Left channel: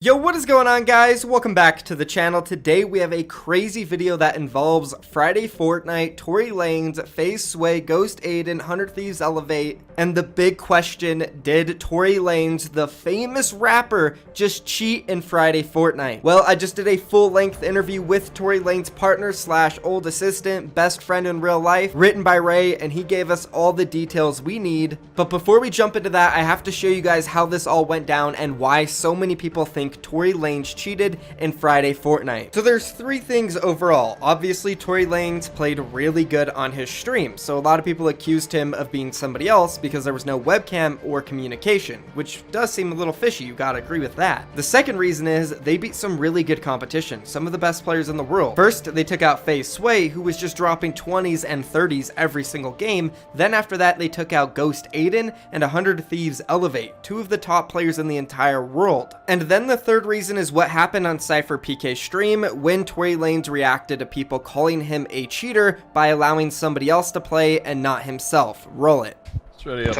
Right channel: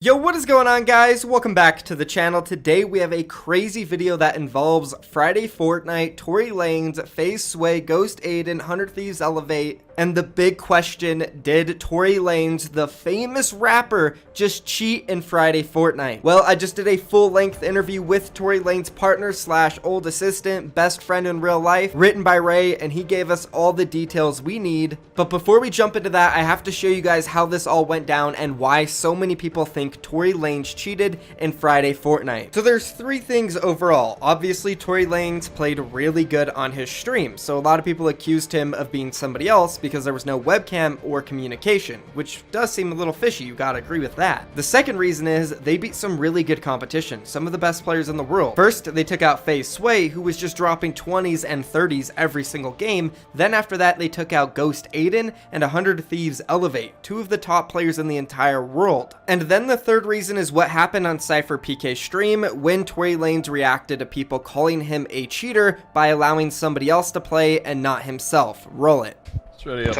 Yo, what is going on, guys? Welcome back to the channel. Today we have a crazy video that involves Friday Fortnite, Tory Lanez, FaZe, Ghost Aydan, 100 Thieves Elevate, and the big question, did Tory Lanez, the famous rapper, just cheat in Friday Fortnite? Well, I just did a full-length interview with Tory Lanez partner slash old assistant, best friend in real life, WrittenByRay, and he gave us all the details we need. But before we jump into that, I have to show you guys how this all went down and why so many people think Tory Lanez cheated in Friday Fortnite. So there's three things overall. Obviously, Tory Lanez played really good on his stream, so a lot of people accused him of being somebody else because there was no webcam or communication, which does seem a little fishy, you gotta agree with that. The second reason is they beat some really good competition, some of the best players in the world. First, they took out FaZe, who was just dropping 20s and 30s every single game. Then after that, they took out Ghost Aydan and 100 Thieves Elevate, two of the top players in the entire world. And then the third reason is what happened on Cypher PK's stream when Tory Lanez reacted to people calling him a cheater by allowing somebody else to play and not himself. Roll it. It's ready up.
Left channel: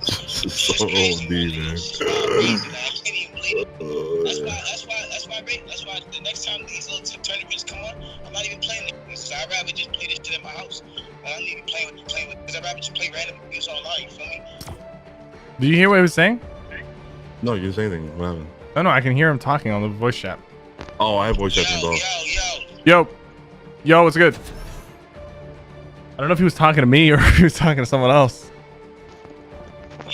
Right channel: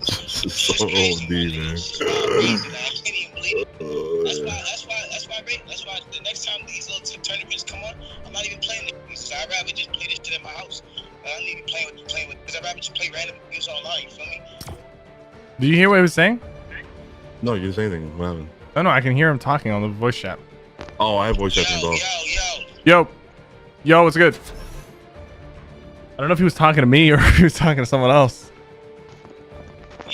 It's so OD, man. That's why the next time these little tournaments come on, I'm not even playing these. So I'd rather just play this shit in my house. I don't need to be playing with, because I'd rather just play random games online, you feel me? Do you hear what he was saying? No, you didn't say anything. What happened? No, I can hear him talking on the voice chat. Oh, I have voice chat involved. Yo, what's good? I don't know if he was talking to me or if he was talking to someone else. I'm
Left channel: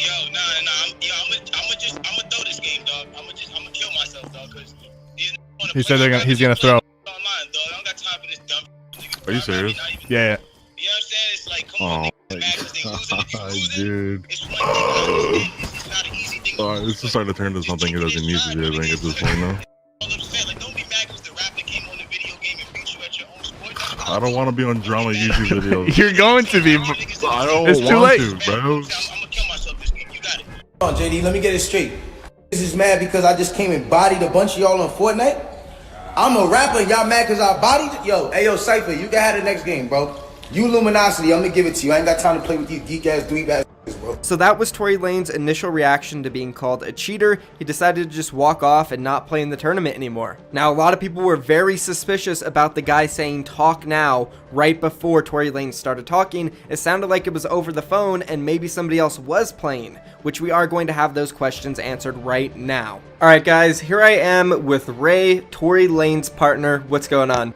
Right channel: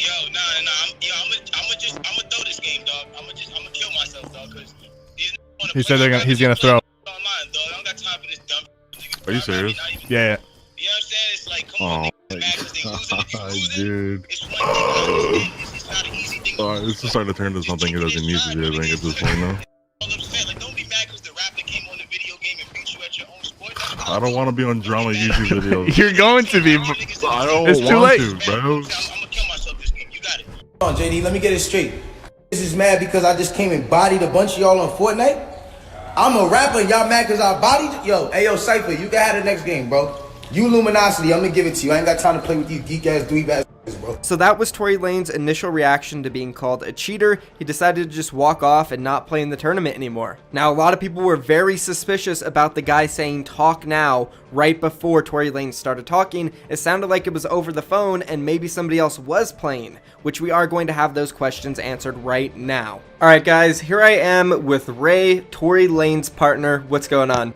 gonna throw this game, dog. I'm gonna kill myself, dog, because He said he's gonna throw. online, dog. I don't got time for this dumb. Are you serious? Yeah. You know what I'm saying? It's like, come on, niggas, mad 'cause they losing. Dude. It's one thing I understand. It's not an easy thing. This is starting to turn into something it doesn't need to be, I think, at this point now. Like, don't be mad 'cause the rapper came on the video game and beat you at your own sport. I don't want to be on drama YouTube videos. You're going to be. I don't It's too want late. to, bro. I'm gonna kill myself this game. You got it. Hold on, JD, let me get it straight. This is mad because I just came and bodied a bunch of y'all on Fortnite. I'm a rapper and y'all mad because I bodied? Yo, hey, yo, Cypher, you can have the next game, bro. You Luminosity, I'm gonna give it to you. I ain't got time to play with you geek-ass, dweeb-ass, bro. So that was Tory Lanez's initial reaction to being called a cheater. He decided to just walk off and not play in the tournament anymore. Now, a lot of people were very suspicious about the guy saying talk now right before Tory Lanez started talking. It sounded like it was over the phone and maybe somebody else was playing, which we are going to have those questions answered right now. All right, guys, here I am with Ray, Tory Lanez's partner. What's going on?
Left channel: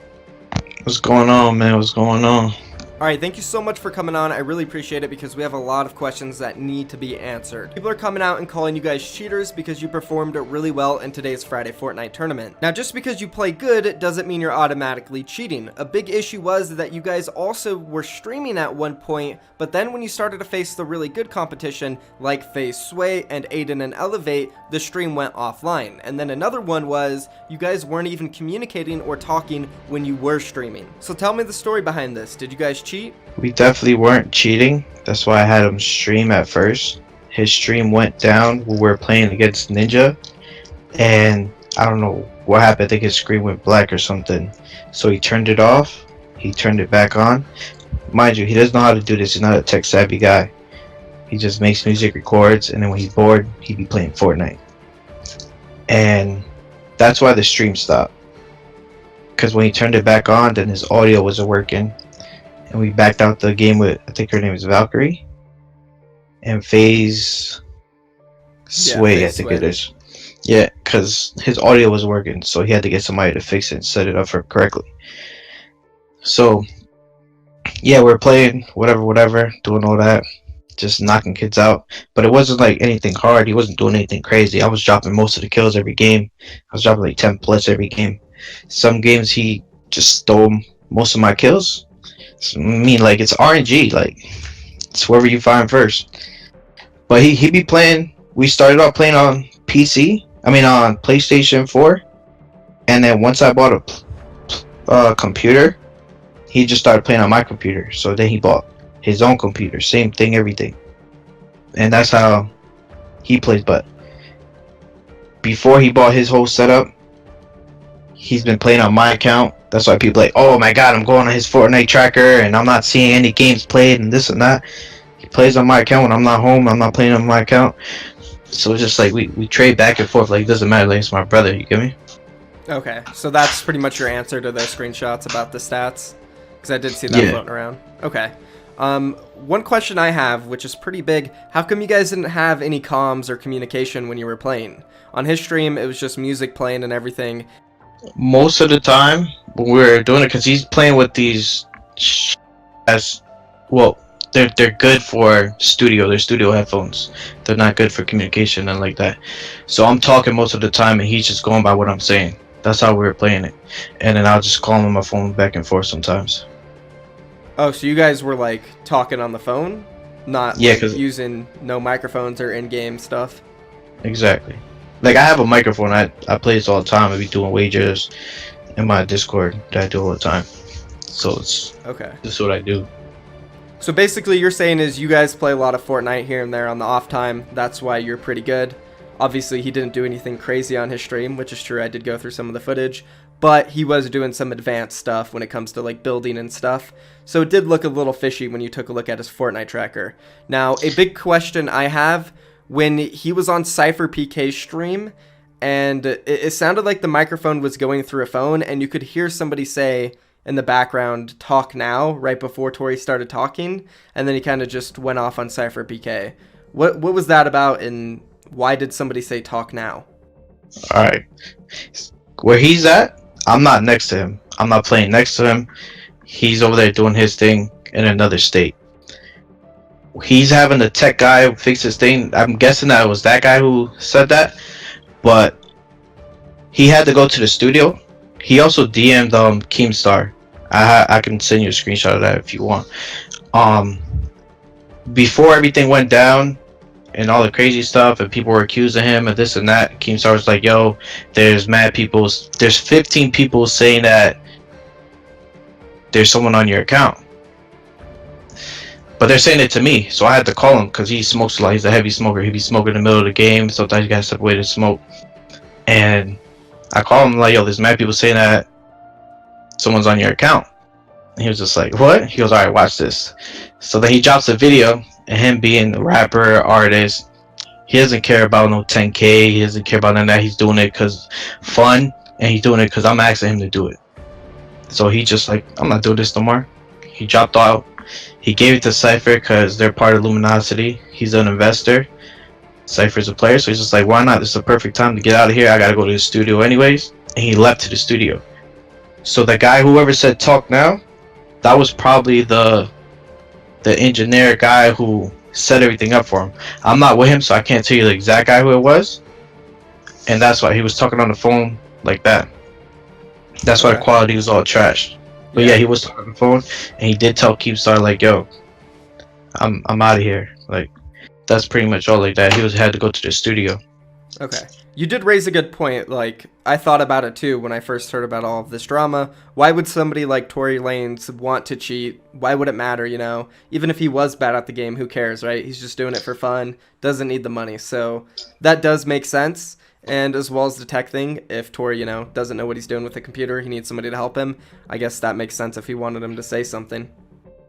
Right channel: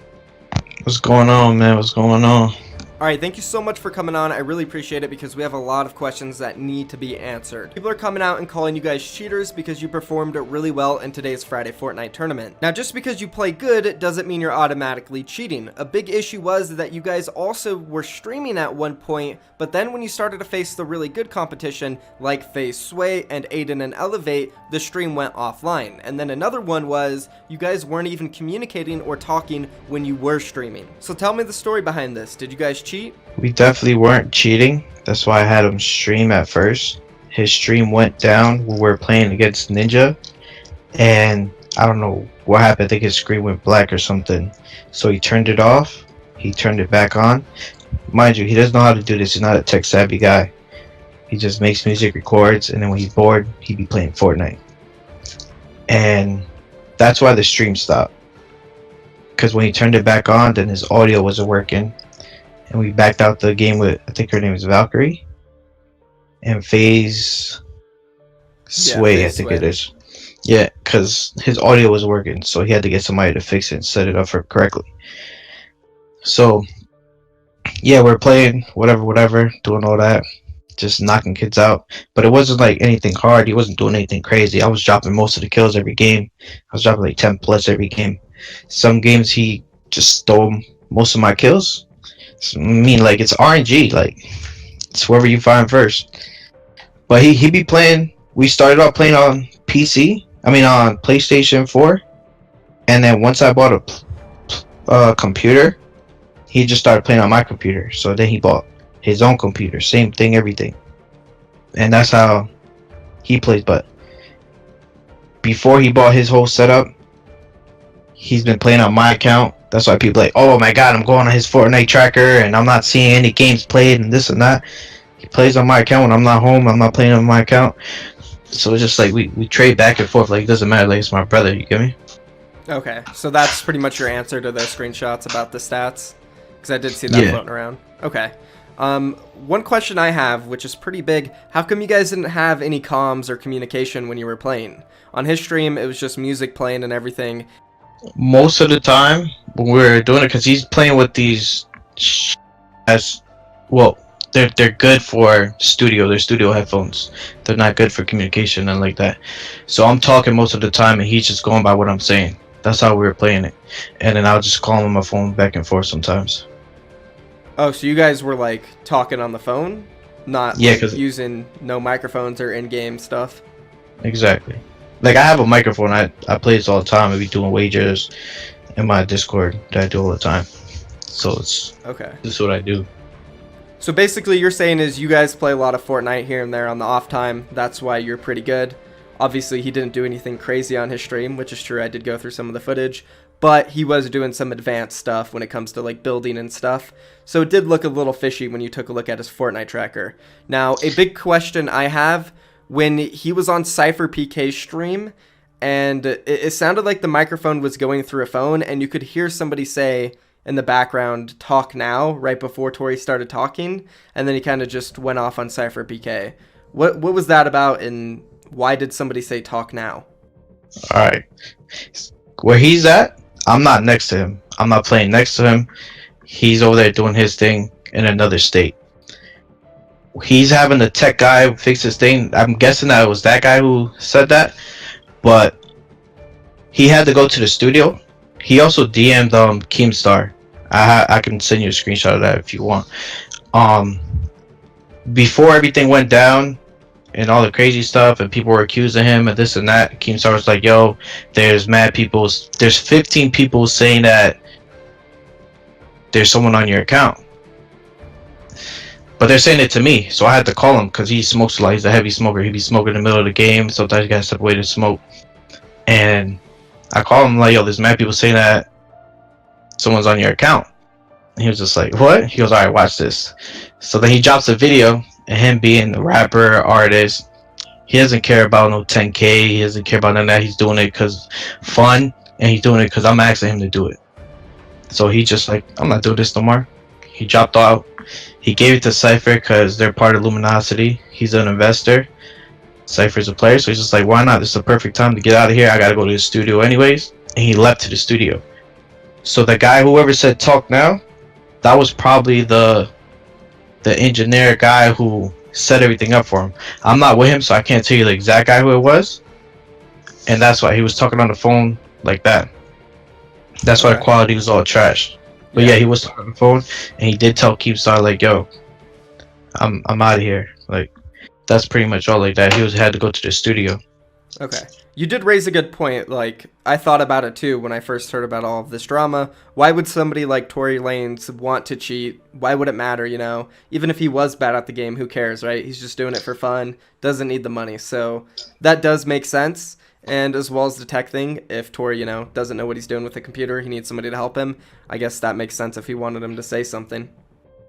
What's going on, man? What's going on? All right, thank you so much for coming on. I really appreciate it because we have a lot of questions that need to be answered. People are coming out and calling you guys cheaters because you performed really well in today's Friday Fortnite tournament. Now, just because you play good doesn't mean you're automatically cheating. A big issue was that you guys also were streaming at one point, but then when you started to face the really good competition like FaZe and Aydan and Elevate, the stream went offline. And then another one was you guys weren't even communicating or talking when you were streaming. So tell me the story behind this. Did you guys cheat? We definitely weren't cheating. That's why I had him stream at first. His stream went down. We were playing against Ninja, and I don't know what happened. I think his screen went black or something. So he turned it off. He turned it back on. Mind you, he doesn't know how to do this. He's not a tech savvy guy. He just makes music, records, and then when he's bored, he'd be playing Fortnite. And that's why the stream stopped. Because when he turned it back on, then his audio wasn't working. And we backed out the game with, I think her name is Valkyrie. And FaZe Sway, I think it is. Yeah, because his audio was working. So he had to get somebody to fix it and set it up for correctly. So, yeah, we're playing, whatever, doing all that. Just knocking kids out. But it wasn't like anything hard. He wasn't doing anything crazy. I was dropping most of the kills every game. I was dropping like 10 plus every game. Some games he just stole most of my kills. I mean, like, it's RNG, like, it's whoever you find first. But he be playing. We started off playing on on PlayStation 4, and then once I bought a computer, he just started playing on my computer. So then he bought his own computer, same thing, everything, and that's how he plays. But before he bought his whole setup, he's been playing on my account. That's why people are like, oh my god, I'm going on his Fortnite tracker and I'm not seeing any games played and this and that. He plays on my account when I'm not home. I'm not playing on my account. So it's just like we trade back and forth. Like it doesn't matter. Like it's my brother. You get me? Okay, so that's pretty much your answer to those screenshots about the stats, because I did see that floating around. Okay. One question I have, which is pretty big, how come you guys didn't have any comms or communication when you were playing? On his stream, it was just music playing and everything. Most of the time when we're doing it, because he's playing with these as well. They're good for studio. They're studio headphones. They're not good for communication and like that. So I'm talking most of the time, and he's just going by what I'm saying. That's how we were playing it, and then I'll just call him on my phone back and forth sometimes. Oh, so you guys were like talking on the phone, not Yeah, like, 'cause using no microphones or in-game stuff? exactly. Like I have a microphone. I play this all the time. I be doing wagers in my Discord that I do all the time. So it's Okay. this is what I do. So basically you're saying is you guys play a lot of Fortnite here and there on the off time. That's why you're pretty good. Obviously he didn't do anything crazy on his stream, which is true. I did go through some of the footage, but he was doing some advanced stuff when it comes to like building and stuff. So it did look a little fishy when you took a look at his Fortnite tracker. Now, a big question I have, when he was on Cypher PK's stream, and it sounded like the microphone was going through a phone, and you could hear somebody say in the background, "Talk now," right before Tory started talking, and then he kind of just went off on Cypher PK. What was that about, and why did somebody say "talk now"? All right. Where he's at, I'm not next to him. I'm not playing next to him. He's over there doing his thing in another state. He's having the tech guy fix his thing. I'm guessing that it was that guy who said that, but he had to go to the studio. He also DM'd Keemstar. I can send you a screenshot of that if you want. Before everything went down and all the crazy stuff and people were accusing him of this and that, Keemstar was like, yo, there's mad people, there's 15 people saying that there's someone on your account. But they're saying it to me, so I had to call him because he smokes a lot. He's a heavy smoker. He'd be smoking in the middle of the game. Sometimes you gotta step away to smoke. And I called him like, yo, there's mad people saying that someone's on your account. And he was just like, what? He goes, all right, watch this. So then he drops a video of him being a rapper, artist. He doesn't care about no 10K. He doesn't care about none of that. He's doing it because fun, and he's doing it because I'm asking him to do it. So he just like, I'm not doing this no more. He dropped out. He gave it to Cypher because they're part of Luminosity. He's an investor. Cypher's a player, so he's just like, why not? This is the perfect time to get out of here. I gotta go to the studio anyways. And he left to the studio. So the guy, whoever said talk now, that was probably the engineer guy who set everything up for him. I'm not with him, so I can't tell you the exact guy who it was. And that's why he was talking on the phone like that. That's why the quality was all trash. But yeah, he was talking on the phone, and he did tell Keemstar like, yo, I'm out of here. Like, that's pretty much all like that. He had to go to the studio. Okay. You did raise a good point. Like, I thought about it too when I first heard about all of this drama. Why would somebody like Tory Lanez want to cheat? Why would it matter, you know? Even if he was bad at the game, who cares, right? He's just doing it for fun, doesn't need the money. So that does make sense. And as well as the tech thing, if Tory, you know, doesn't know what he's doing with the computer, he needs somebody to help him. I guess that makes sense if he wanted him to say something.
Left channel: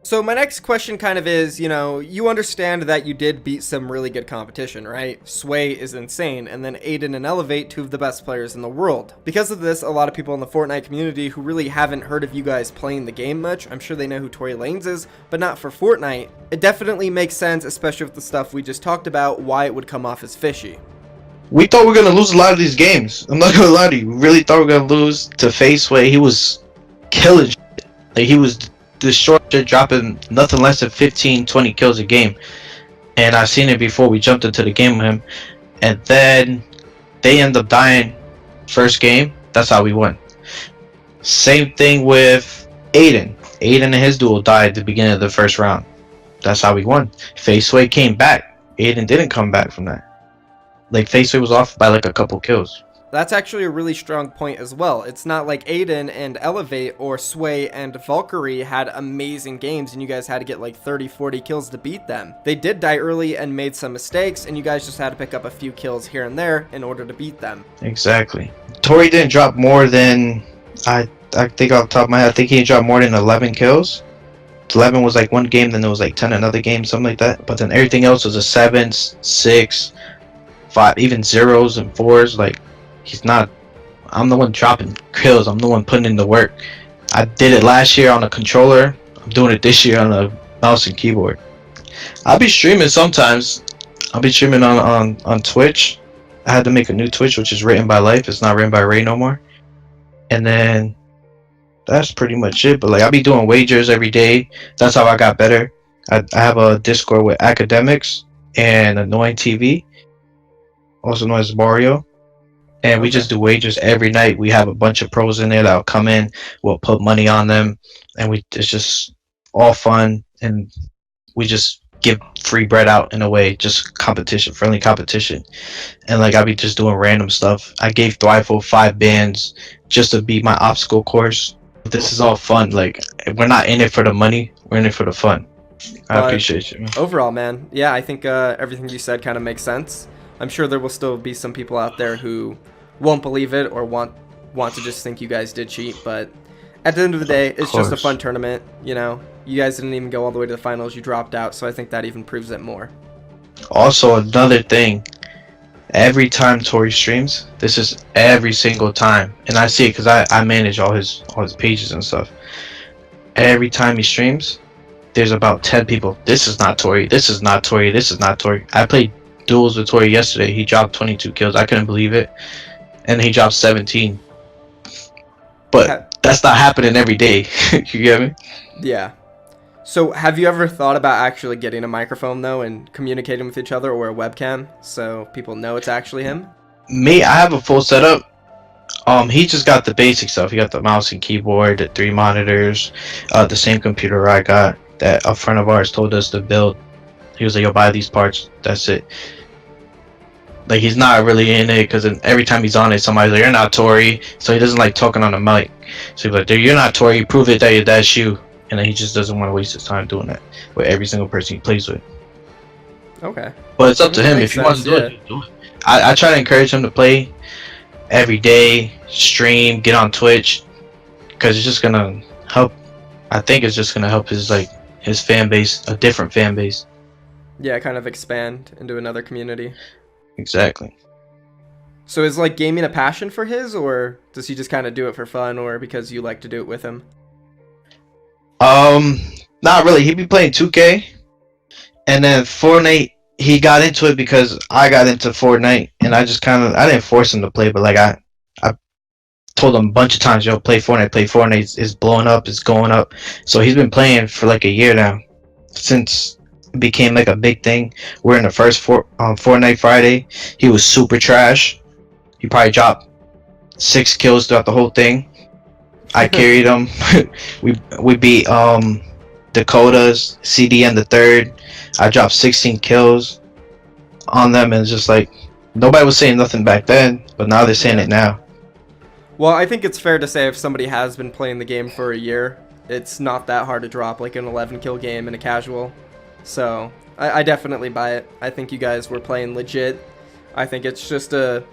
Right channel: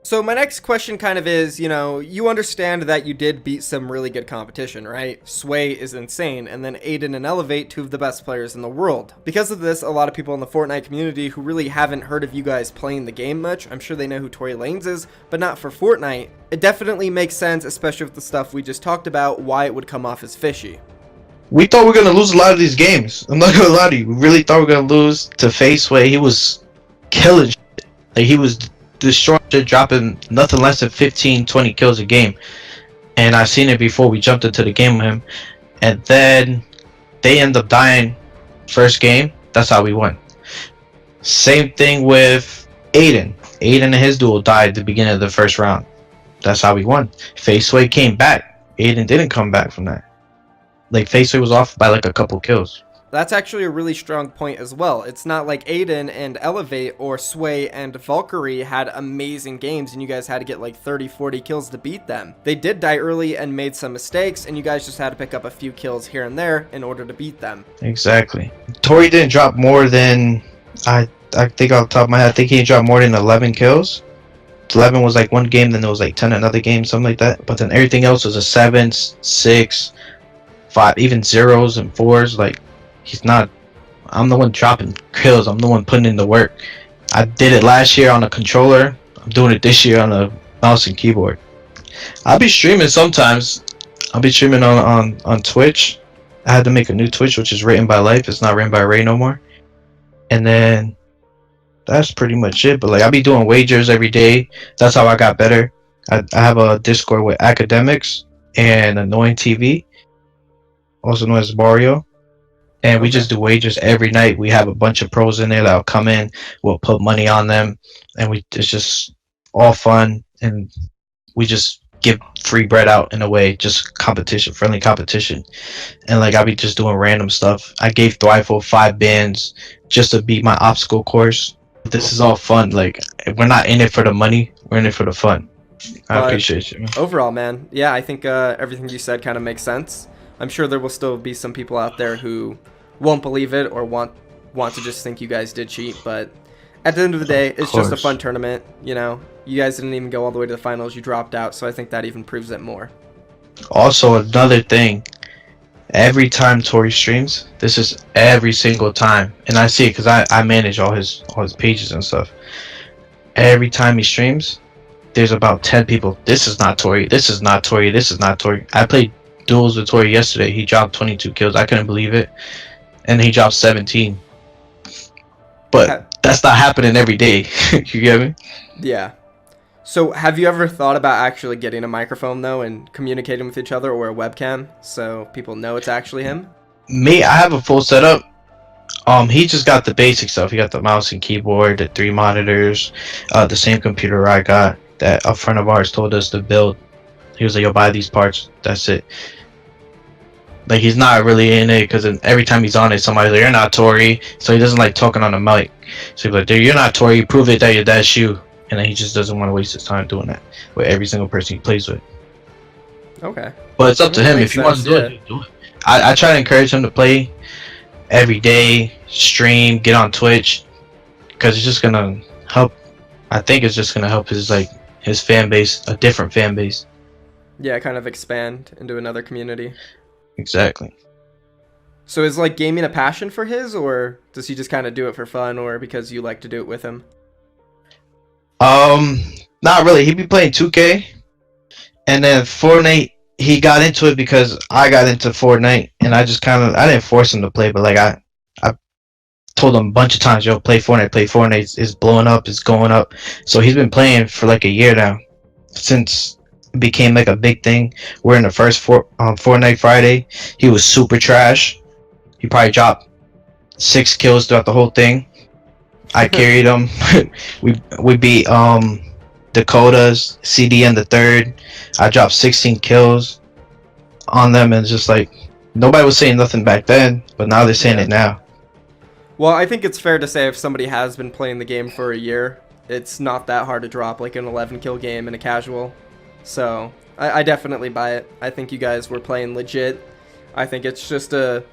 So my next question kind of is, you know, you understand that you did beat some really good competition, right? Sway is insane, and then Aydan and Elevate, two of the best players in the world. Because of this, a lot of people in the Fortnite community who really haven't heard of you guys playing the game much, I'm sure they know who Tory Lanez is, but not for Fortnite. It definitely makes sense, especially with the stuff we just talked about, why it would come off as fishy. We thought we were gonna lose a lot of these games. I'm not gonna lie to you. We really thought we were gonna lose to FaZe. He was killing shit. Like, he was destroying shit, dropping nothing less than 15-20 kills a game. And I seen it before we jumped into the game with him. And then they end up dying first game. That's how we won. Same thing with Aydan. Aydan and his duo died at the beginning of the first round. That's how we won. FaZe came back. Aydan didn't come back from that. Like, FaZe was off by like a couple kills. That's actually a really strong point as well. It's not like Aydan and Elevate or Sway and Valkyrie had amazing games and you guys had to get like 30-40 kills to beat them. They did die early and made some mistakes, and you guys just had to pick up a few kills here and there in order to beat them. Exactly. Tory didn't drop more than, I think off the top of my head, I think he didn't drop more than 11 kills. 11 was like one game, then it was like 10 another game, something like that. But then everything else was a 7, 6, 5, even zeros and 4s. Like, he's not. I'm the one dropping kills. I'm the one putting in the work. I did it last year on a controller. I'm doing it this year on a mouse and keyboard. I'll be streaming sometimes. I'll be streaming on Twitch. I had to make a new Twitch, which is Written by Life. It's not Written by Ray no more. And then that's pretty much it. But like, I'll be doing wagers every day. That's how I got better. I have a Discord with academics and Annoying TV, also known as Mario. And we just do wagers every night. We have a bunch of pros in there that'll come in. We'll put money on them, and it's just all fun. And we just give free bread out in a way, just competition, friendly competition. And like, I'll be just doing random stuff. I gave Thrival 5 bands just to beat my obstacle course. This is all fun. Like, we're not in it for the money. We're in it for the fun. I appreciate you, man. Overall, man, yeah, I think everything you said kind of makes sense. I'm sure there will still be some people out there who won't believe it or want to just think you guys did cheat, but at the end of the day, it's just a fun tournament. You know, you guys didn't even go all the way to the finals. You dropped out, so I think that even proves it more. Also, another thing, every time Tory streams, this is every single time, and I see it because I manage all his pages and stuff. Every time he streams, there's about 10 people. This is not Tory. This is not Tory. This is not Tory. I played duels with Tory yesterday. He dropped 22 kills. I couldn't believe it, and he dropped 17. But that's not happening every day. You get me? Yeah. So have you ever thought about actually getting a microphone though and communicating with each other, or a webcam, so people know it's actually him? Me, I have a full setup. He just got the basic stuff. He got the mouse and keyboard, the 3 monitors, the same computer I got that a friend of ours told us to build. He was like, "Yo, buy these parts." That's it. Like, he's not really in it because every time he's on it, somebody's like, "You're not Tory," so he doesn't like talking on the mic. So he's like, "You're not Tory. Prove it that that's you." And then he just doesn't want to waste his time doing that with every single person he plays with. Okay. But it's up to him. If he wants to do it, do it. I try to encourage him to play every day, stream, get on Twitch, because it's just gonna help. I think it's just gonna help his fan base, a different fan base. Yeah, kind of expand into another community. Exactly. So is like gaming a passion for his, or does he just kind of do it for fun, or because you like to do it with him? Not really. He be playing 2K, and then Fortnite. He got into it because I got into Fortnite, and I didn't force him to play, but like I told him a bunch of times, "Yo, play Fortnite, play Fortnite. It's blowing up, it's going up." So he's been playing for like a year now, since it became like a big thing. We're in the first Fortnite Friday. He was super trash. He probably dropped 6 kills throughout the whole thing. I carried him. we beat Dakota's CDN the 3rd. I dropped 16 kills on them, and just like, nobody was saying nothing back then, but now they're saying it now. Well, I think it's fair to say if somebody has been playing the game for a year, it's not that hard to drop like an 11 kill game in a casual. So I definitely buy it. I think you guys were playing legit. I think it's just a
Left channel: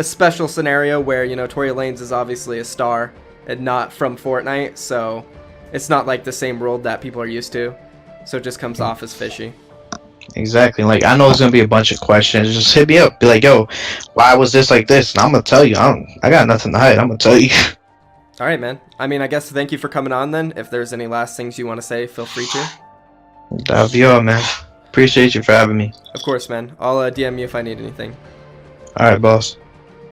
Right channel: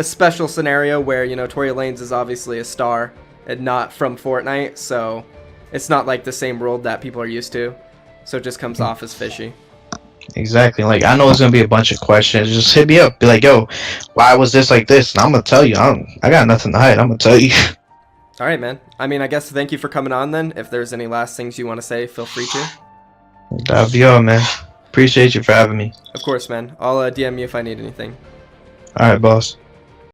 special scenario where, you know, Tory Lanez is obviously a star and not from Fortnite, so it's not like the same world that people are used to. So it just comes off as fishy. Exactly. Like, I know it's gonna be a bunch of questions. Just hit me up. Be like, "Yo, why was this like this?" And I'm gonna tell you. I got nothing to hide. I'm gonna tell you. All right, man. I mean, I guess thank you for coming on then. If there's any last things you want to say, feel free to. That'll be all, man. Appreciate you for having me. Of course, man. I'll DM you if I need anything. All right, boss.